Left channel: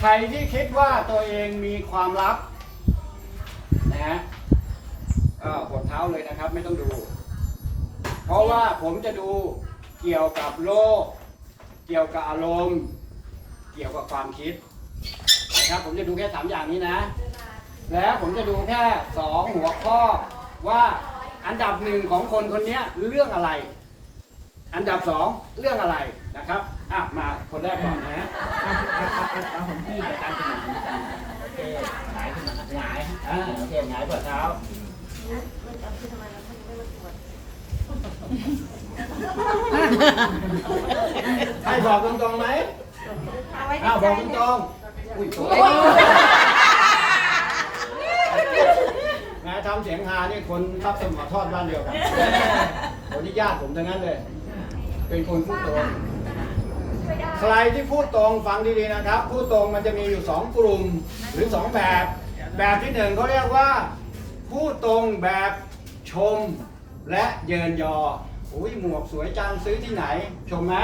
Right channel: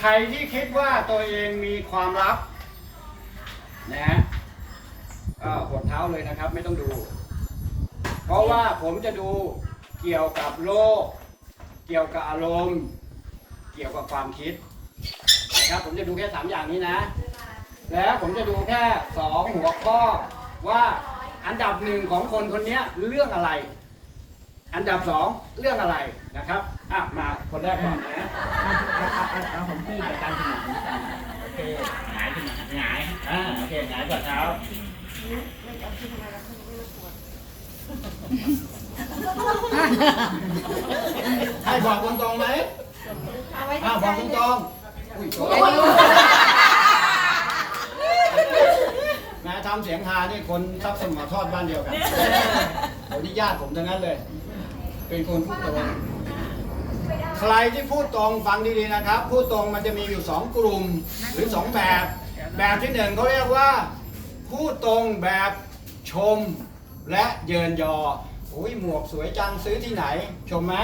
ใครที่คิดว่าตัวเองมีความลับนะฮะก็กดเท้าเลยนะครับ ไม่ต้องดู เพราะว่าผมจะดูเกี่ยวกับโลก เกี่ยวกับอารมณ์ เกี่ยวกับความคิดนะครับผมจะดูแค่สามอย่างนี้นะ แล้วผมจะดูแค่สองหัวข้อว่าอันดับหนึ่งของคนคนนี้เรื่องอะไร อันดับสองเรื่องอะไรนะครับอะมาคนแรกก่อนนะเอาเอาเอาเอาเอาของพี่ไปตามสนามโอเคหงายขึ้นมาหงายอ่าโอเคหงายเปิดเท้าให้บอกตรงๆไหมอ้าวบอกตรงๆอุ้ยโถ่นะทำเสียงฮานี่คนทรัพย์สมอทอดบ้านเดียวกันโอ้นี่ญาติผมทั้งนั้นเลย เป็นคนพูดตรง ใครที่พูดตรงฟังดีๆนะครับ พูดตรงมันจะมีอยู่สองกลุ่มหรือสองแบบ แบบที่หนึ่งเขาเรียกว่า พูดตรงแบบชมและเยินยออุ้ยหมวกสวยจังซื้อที่ไหน ชมไหม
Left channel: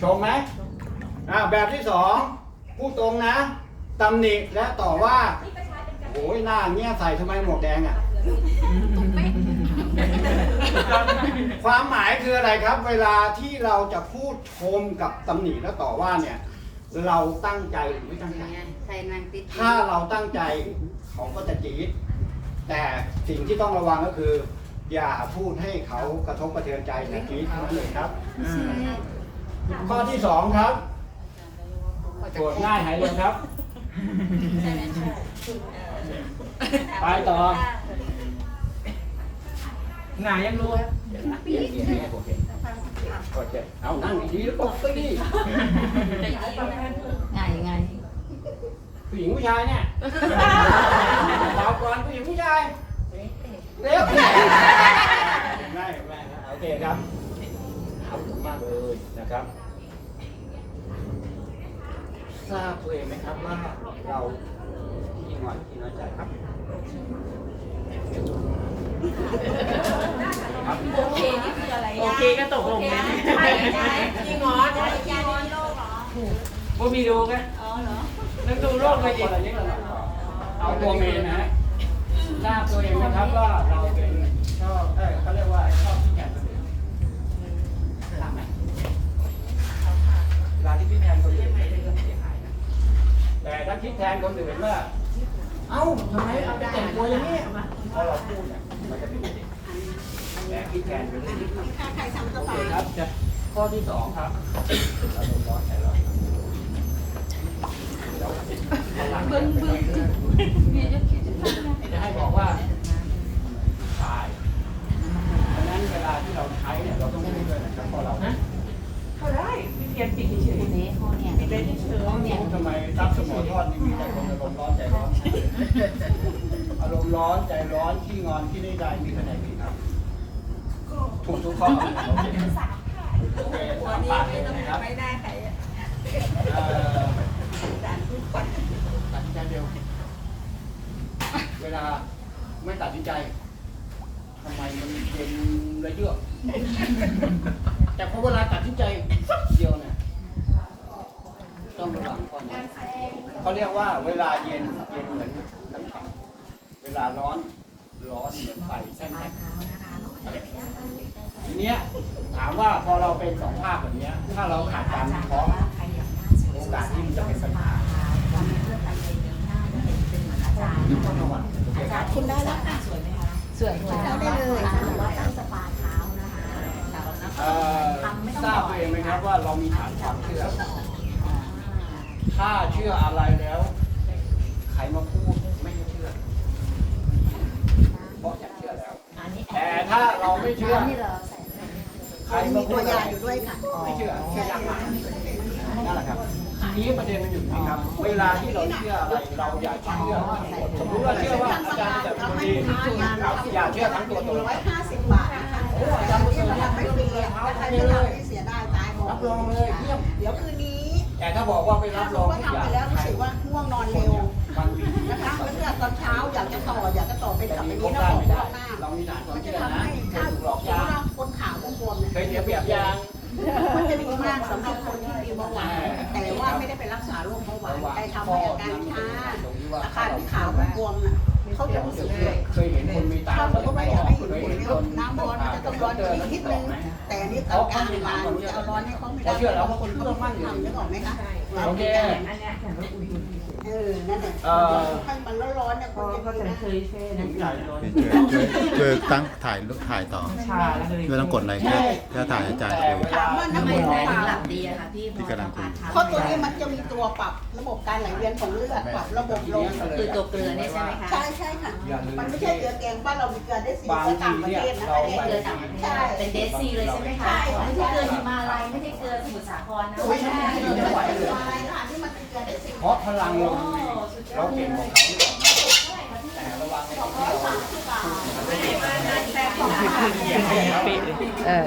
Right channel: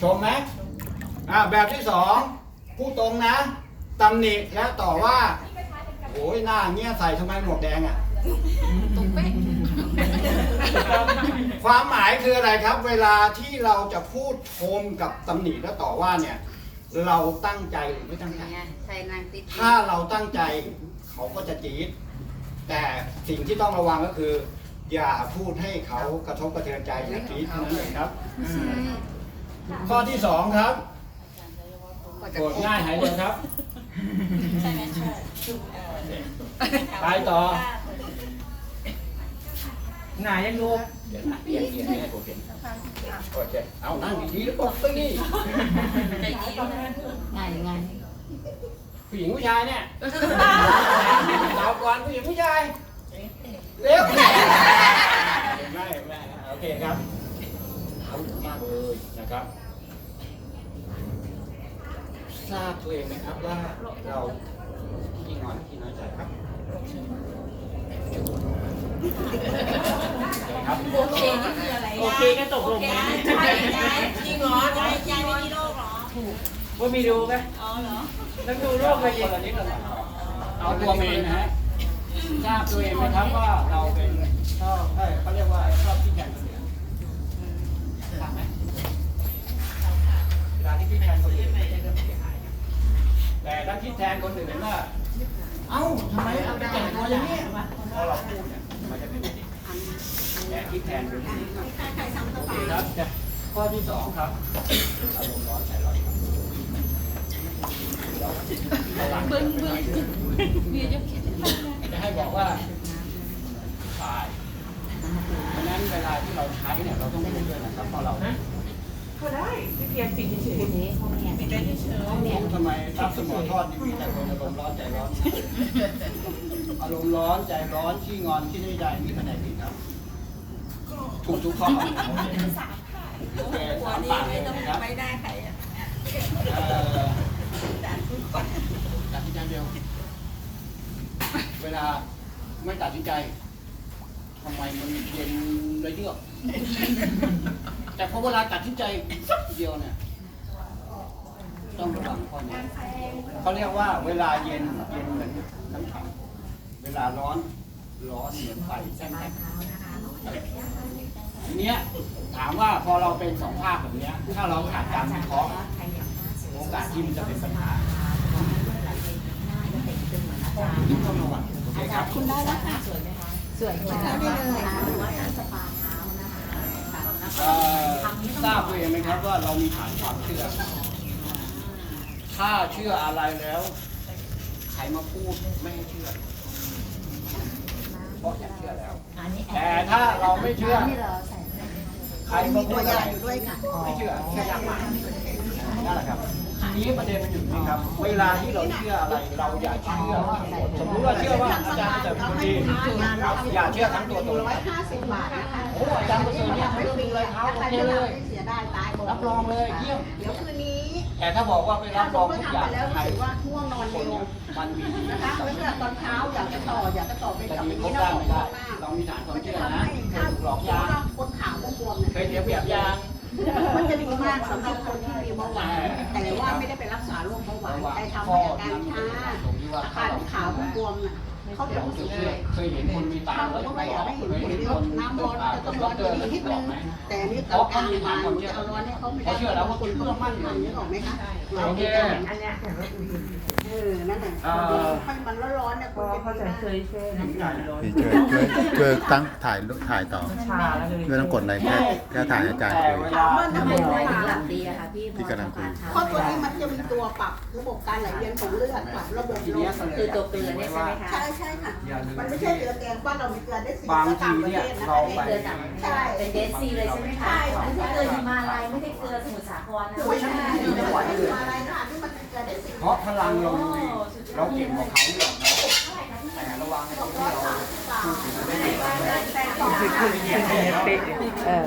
ชมไหมอ่าแบบที่สองพูดตรงนะตำหนิและต่อว่าโอ้ยหน้าเงี้ยใส่ทำไมหมวกแดงอะ ความหมายคืออะไรครับ เวลาที่เราจะพูดชมกับตำหนิและต่อว่าเนี่ย เราตั้งใจหรือไม่ตั้งใจ ใส่นางติดถ้าเราตั้งใจเขาก็จะจี๊ดแต่สิ่งที่ต้องระวังก็คือ อย่าพูดให้เขากระทบกระเทือนใจอย่าจี๊ดเท่านั้นเองครับข้อที่สองครับโกรธง่ายหายเลยครับไปต่อ หงายยังรู้เดี๋ยวนะเดี๋ยวเดี๋ยวให้ผมเห็นโอเคเอานั่งดีๆแล้วกดสิไงไงผู้หญิงผู้ชายเนี่ยสาวก่อนผู้หญิงผู้ชายเร็วไม่ไม่โอเคครับเอาถูกมากเลยนะครับทราบตัวเองไหมครับว่าเราขี้งอนขี้น้อยใจครับครับ โอเคนี่คืออะไรโอเคก็ตกลงนะใช่ใช่จริงเหรอยายยายไม่มีโรคเหรอว่ามีดูไหมอ๋อเหรอนั่งดูโรคไปคอีนกละนิดละหน่อยเอาตัวเมนนะฮะทราบตัวเองไหมครับว่าเราเป็นชอบเอ้ยเขาเรียกว่าชอบที่แข่งคนอื่นทราบไหมเวลาที่พี่แทนคนอื่นไม่ใช่เรื่องเสียหายนะแต่ถ้าคิดแทนคนอื่นว่า เอ้าทำไมเอาไปแต่งตัวอย่างนี้พอเราพูดเนี่ยมันจะเป็นอย่างนี้ แต่คิดแทนเป็นเรื่องนี้ครับโอเคครับข้อที่สองครับอารมณ์ร้อนใจร้อนเดี๋ยวเอาหลังเบิ้งเบิ้งเดี๋ยวจะคิดจะทำไงจะให้บอกว่าใช่เพราะฉะนั้นเวลาที่เราใช้เนี่ยเราต้องพูดด้วยนะครับเพราะเราเขาได้พี่เพียรปิดเฉยคนนี้ห้องเนี่ยปิดได้เฉยห้องเนี่ยทำไมทับสมอทอดนี่มีแต่คนอารมณ์ร้อนใจร้อน อารมณ์ร้อนใจร้อนขี้งอนขี้ไม่ได้มีคะแนนผิ ดครับถูกทุกข้อโอเควัสานมนี้ปากเลไม่ยต้องนะครับไม่ได้ใครอ่เอ่อด่านพูดก่อนตัดสินใจเร็วเวลาไม่ตัดสินใจทำไมมันเย็นระเยือกแต่พอเวลาตัดสินใจเดียวเนี่ยต้องระวังข้อนี้เขาเรียกว่าเวลาเย็นเย็นเหมือนน้ำแข็งเวลาร้อนร้อนเหมือนไฟใช่ไหม ทีเนี้ยถามว่าพอเราเป็นสองภาคแบบเนี้ย ถ้าเราขาดการวิเคราะห์โอกาสที่มันจะเป็นปัญหาต้องระวังโอเคครับคุณได้แล้วค่ะสวยไหมคะสวยค่ะได้เลยเอ่อทราบตัวเองไหมครับว่าเรามีฐานความเชื่อ ถ้าเชื่ออะไรแล้วใครมาพูดไม่ให้เชื่อ เพราะอยากเชื่อแล้ว อันนี้แต่ถ้าเราไม่เชื่อ นี่เราใส่ใครมาพูดอะไรไม่เชื่อเชื่อยากมากนั่นแหละครับทีนี้ประเด็นมันอยู่ที่ครับ เวลาที่เราเชื่ออะไรเราอย่าเชื่อทั้งหมดสมมติว่าเชื่อว่าอาจารย์เสริมคนดีอย่าเชื่อทั้งตัวตนร้อยห้าสิบบาทนะคะโอ้อาจารย์เสริมเนี่ยไม่ดีเลยเท้าใครโอเคจะเลทำยที่เสียดายตายหมดรับรองเลยเยี่ยมเดี๋ยวคืนนี้ แต่ถ้าบอกว่าไปรัถ้าบสรมองมติทุกว่าอย่างทำไปแล้วใครรู้สึกว่าง่วงนอนคนเร็วเนี้ยมันมีนะคะแล้วเนี่ยตอนเช้าอยากจะต่ออยากจะต่อไปแต่กับมีนี้ครบนะได้ขอไม่ได้ อันนี้กลางๆมาจะเอาร้อนให้เขาไม่ได้เขาเชื่อแล้วเขาคนเชื่อมั่นอยู่นึกออกไหมคะโอเคเออนั่นแหละให้มันร้อนๆเนี่ยคนจะเขาจะเคยเช่น้ำตาลร้อนช่วยช่วยช่วยตั้งถ่ายถ่ายต่อแล้วเลยไม่ต้องกดอะไรแค่แค่ถ่ายอาจารย์คุยถามว่าทำไมถึงหลับดีอะคะพี่พี่กำลังคุยเพราะตัวนี้มันจะมีตัวปรับระบบการไหลเวียนของเลือดปรับระบบลมคือตัวเกลือเนี่ยใช่ไหมคะใช่ใช่ค่ะมันไม่ใช่เกลือแกงบ้าเรามีเกลือได้สีก็ต่างประเทศนะเราอันนี้ไปเกลือต่างประเทศใช่เป็นเดซีเลยใช่ไหมคะใช่ไม่ใช่เกลือฮิมาลัยไม่ใช่เกลือสมุทรสาครนะไม่ใช่ไม่ไหวเลยอะไรนะคะที่มันเป็นเกลือได้สีเพราะพลังเรามีเราเก่งกว่าเขาหรอกนะแต่ระวังเราที่เราพูดถึงได้ยินคือคือเงี้ยเงี้ยเป๊ะเลยเออ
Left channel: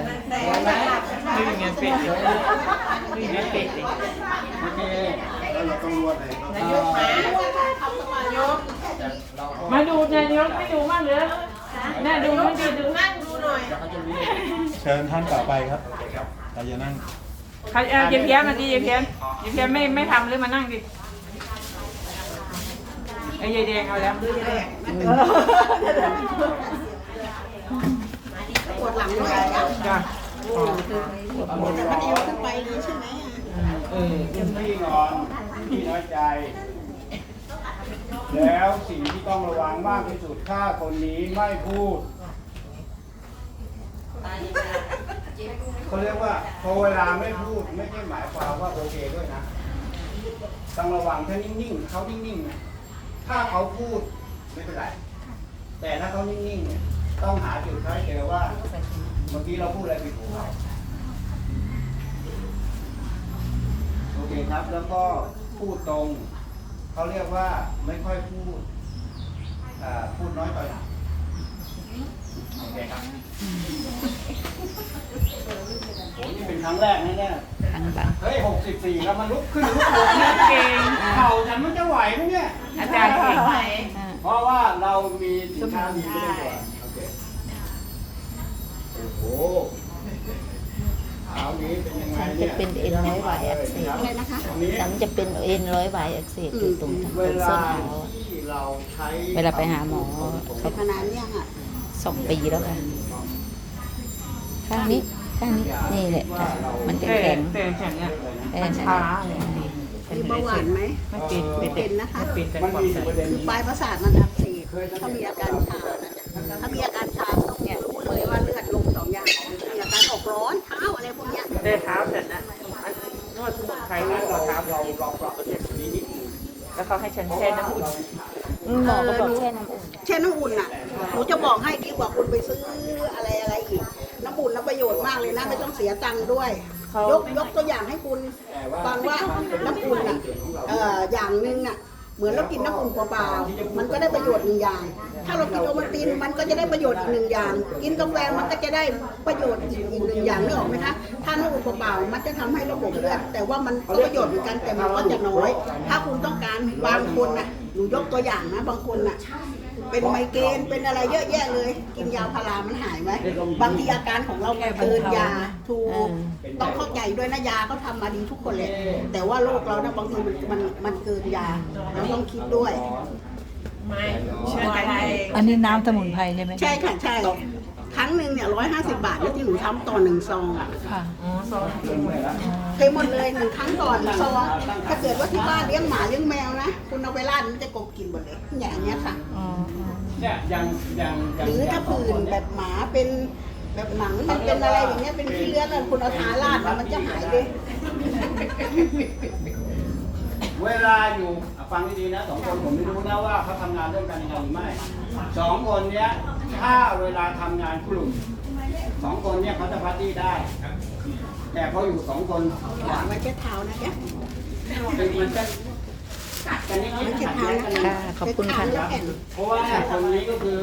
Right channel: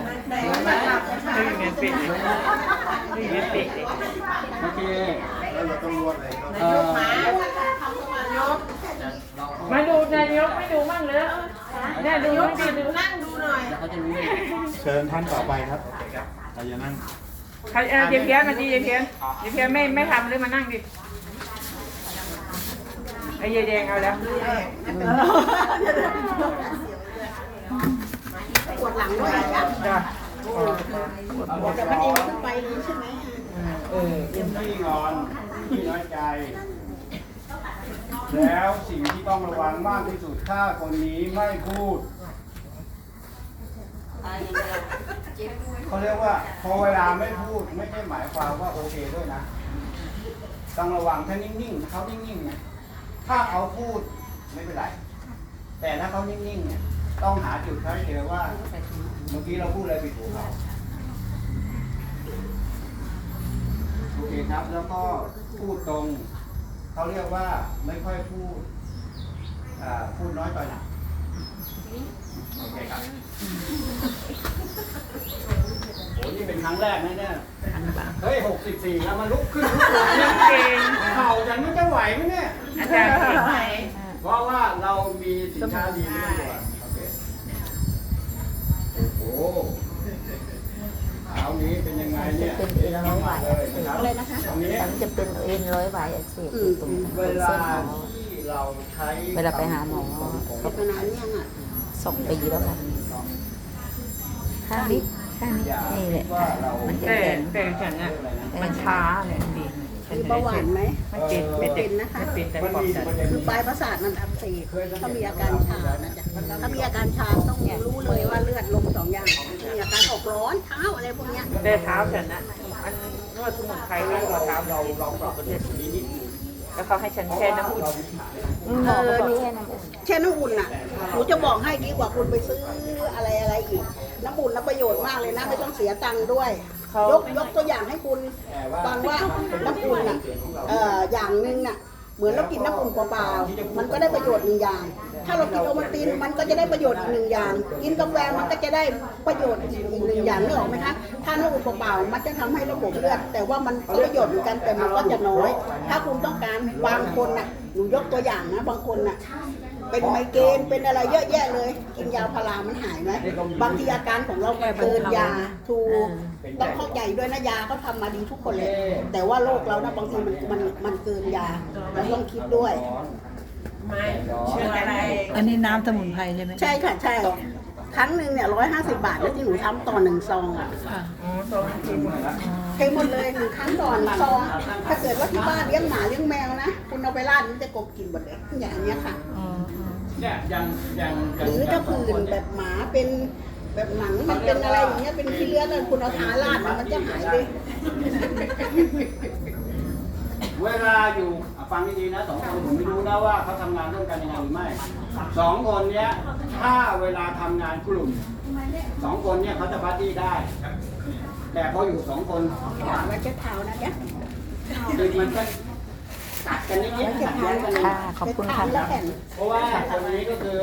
คือเงี้ยเป๊ะเลยคือเงี้ยเป๊ะเลยโอเคแล้วเราต้องนวดเลยเอ่อทำสมาธิเราก็มาดูนายกไม่ดูมั่งเลย เนี่ยดูไม่ดีดูนั่งดูหน่อยเขาจะรู้เองเชิญท่านต่อไปครับเราจะนั่งใครเออเยี่ยมเยี่ยมมาดีเยี่ยมเยี่ยมเยี่ยมไม่ไม่ทำเลยมานั่งดิไอ้ยายแดงเอาแล้วปวดหลังด้วยจ้ะจ้ะปวดจะไม่ดีขึ้นไปเลยใช่ไหมเออเยี่ยมที่นอนที่น้อยใจ แล้วสิ่งที่ต้องระวังมากที่สุดถ้าคนนี้ไม่พูดเขาเรียกว่าพอเวลาไม่พูดไม่ใช่หมายความว่าโอเคด้วยนะ ต้องระวังถ้านิ่งๆเขานิ่งๆนะถ้าเขาพูดไม่เป็นไร แต่ถ้าเขานิ่งๆเนี่ยต้องหาจุดเขาให้เจอว่า เมื่อกี้เราพูดอะไรผิดหูเขาโอเคครับแล้วก็พูดตรง เขาเรียกว่าไม่ค่อยพูดอ่าพูดน้อยต่อยหนักโอเคครับโอ้นี่เป็นครั้งแรกนะเนี่ยอันบังเฮ้ยหกสิบสี่แล้วมันลุกขึ้นลุกลงเนี่ยเก่งเข่าฉันมันจะไหวไหมเนี่ยอาจารย์เก่งไหมเพราะว่าเรามีสินค้าดีไม่ต้อ ฉันเนี่จะยเป็นเอ็นร้อยหวายอักเสบเลยนะคะตรงนี้ฉันจะเป็นเอ็นร้อยหวายอักเสบอยู่ตรงตรงเวเส้นลาเท้าที่เราใช้เวลาไปหาหมอเป็นมานานยังอะสองปีแล้วค่ะข้างนี้ข้างนี้นี่แหละมันจะแต่แข็งแต่ฉันอะมันช้าเนี่ยมีเบาหวานไหมไม่เป็นเป็นเป็นนะคะเป็นแต่มันความมีดันประเด็นคือปลายประสาทมันอักเสบ ถ้ามีอาการชานะจ๊ะถ้ามีอาการชาต้องรู้เลยว่าเลือดลงสองอย่างมีอาการออกร้อนเท้าอะไรพวกเนี้ยแต่เท้าฉันนะอันนวดสมุนไพรนวดหัวเท้าเราลองปรับประเด็นตรงนี้นิดนึงแล้วเขาให้ฉันแช่น้ำอุ่นอืมหมอก็บอกแค่น้ำอุ่นเช่นน้ำอุ่นอะหนูจะบอกให้ดีกว่าคุณไปซื้ออะไรอะไรอีกน้ำอุ่นน่ะประโยชน์มากเลยนะไม่ต้องเสียตังค์ด้วยยกยกตัวอย่างให้คุณฟังว่าน้ำอุ่นอะเอ่ออย่างหนึงอะ เหมือนเรากินน้ำอุ่นเปล่าๆมันก็ได้ประโยชน์หนึ่งอย่าง ถ้าเรากินโอวัลตินมันก็จะได้ประโยชน์อีกหนึ่งอย่าง กินกาแฟมันก็จะได้ประโยชน์อีกหนึ่งอย่างนึกออกไหมคะ ถ้าน้ำอุ่นเปล่าๆมันจะทำให้ระบบเลือดแต่ว่ามันก็ประโยชน์เหมือนกันแต่มันก็จะน้อย ถ้าคุณต้องการบางคนน่ะหนูยกตัวอย่างนะบางคนน่ะ เป็นไมเกรนเป็นอะไรเยอะแยะเลย กินยาพารามันหายไหมบางทีอาการของเราเกินยาถูกต้องเข้าใจด้วยนะยาก็ทำมาดีทุกคนเลย แต่ว่าโรคเราเนี่ยบางทีมันมันมันเกินยามันต้องคิดด้วยไม่ชื่ออะไรอันนี้น้ำสมุนไพรใช่ไหมใช่ค่ะใช่ครั้งหนึ่งเนี่ยร้อยห้าสิบบาทแล้วที่หนูทำต่อหนึ่งซองอะค่ะอ๋อโซนที่หมดแล้วเคยหมดเลยหนึ่งครั้งต่อหนึ่งซองถ้าเกิดว่าที่บ้านเลี้ยงหมาเลี้ยงแมวนะคุณ เอาไปราดมันจะกบกินหมดเลยอย่างเงี้ยค่ะ อ๋ออ๋อเนี่ยยังยังยังหรือถ้าผื่นแบบหมาเป็นแบบหนังมันเป็นอะไรอย่างเงี้ยเป็นขี้เลื้อนคุณเอาทาราดมันจะหายเลยเวลาอยู่อะฟังดีๆนะสองคนผมไม่รู้นะว่าเขาทำงานร่วมกันยังไงหรือไม่สองคนเนี้ยถ้าเวลาทำงานกลุ่มสองคนเนี้ยเขาจะบัดดี้ได้ แต่พออยู่สองคน หมาไว้เช็ดเท้านะแก คือมันจะ ค่ะขอบคุณค่ะแล้วแผ่นเพราะว่าคนนี้ก็คือ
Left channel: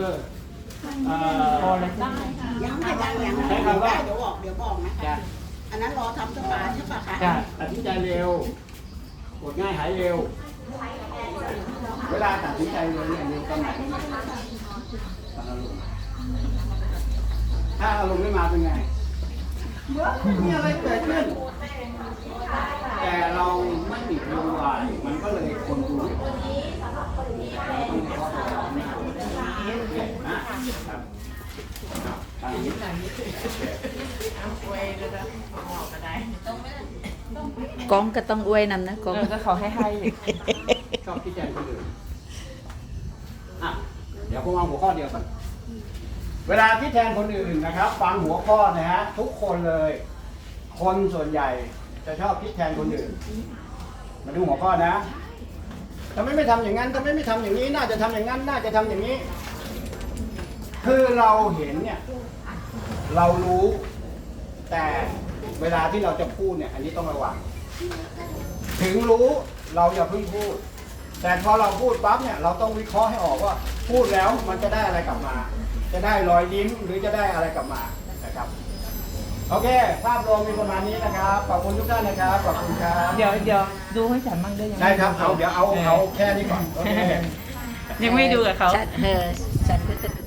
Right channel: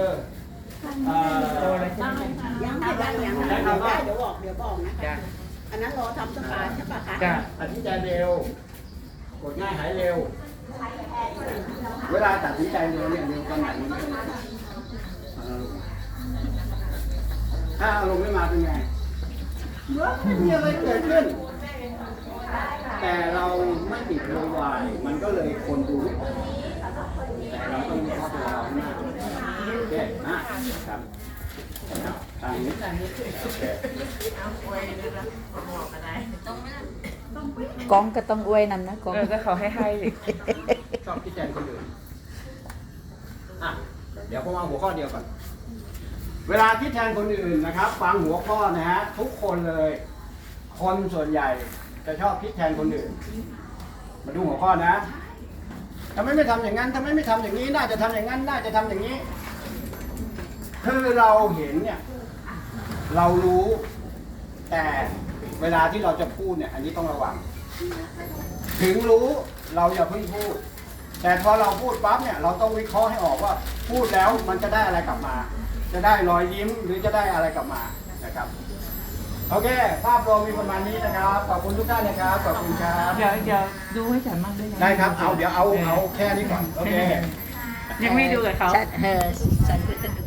เอ่อโตเลยใช่ไหมยังไม่บ้างยังใช้คำว่าเดี๋ยวบอกเดี๋ยวบอกนะจ้ะคะอันนั้นรอทำสปาใช่ปะคะจ้ะอธิใจเร็วกดง่ายหายเร็ว เวลาตัดสินใจเร็วเนี่ยเร็วตอนไหนรู้ไหมตอนอารมณ์ถ้าอารมณ์ไม่มาเป็นไงไม่มีอะไรเกิดขึ้น แต่เราไม่ติดโวยวายมันก็เลยคนดูไม่ออกแต่เราต้องเข้าไปเราหน้าโอเคนะครับทางนี้โอเคกองก็ต้องอวยนำนะกองเออก็เขาให้ให้ดิชอบคิดแทนคนอื่นอะเดี๋ยวผมเอาหัวข้อเดียวก่อนเวลาคิดแทนคนอื่นนะครับ ฟังหัวข้อนะฮะทุกคนเลย คนส่วนใหญ่ จะชอบคิดแทนคนอื่น มาดูหัวข้อนะทำไมไม่ทำอย่างนั้นทำไมไม่ทำอย่างนี้ น่าจะทำอย่างนั้น น่าจะทำอย่างนี้ คือเราเห็นเนี่ย เรารู้ แต่เวลาที่เราจะพูดเนี่ย อันนี้ต้องระวัง ถึงรู้เราอย่าเพิ่งพูด แต่พอเราพูดปั๊บเนี่ย เราต้องวิเคราะห์ให้ออกว่า พูดแล้วมันจะได้อะไรกลับมา จะได้รอยยิ้มหรือจะได้อะไรกลับมานะครับ โอเค ภาพรวมมีประมาณนี้นะครับ ขอบคุณทุกท่านนะครับ ขอบคุณครับ เดี๋ยวเดี๋ยวดูให้ฉันบ้างได้ไหมได้ครับ เอา เดี๋ยวเอา เอาแค่นี้ก่อน โอเค ยังไม่ดูกับเขา ฉันเออฉันก็จะดู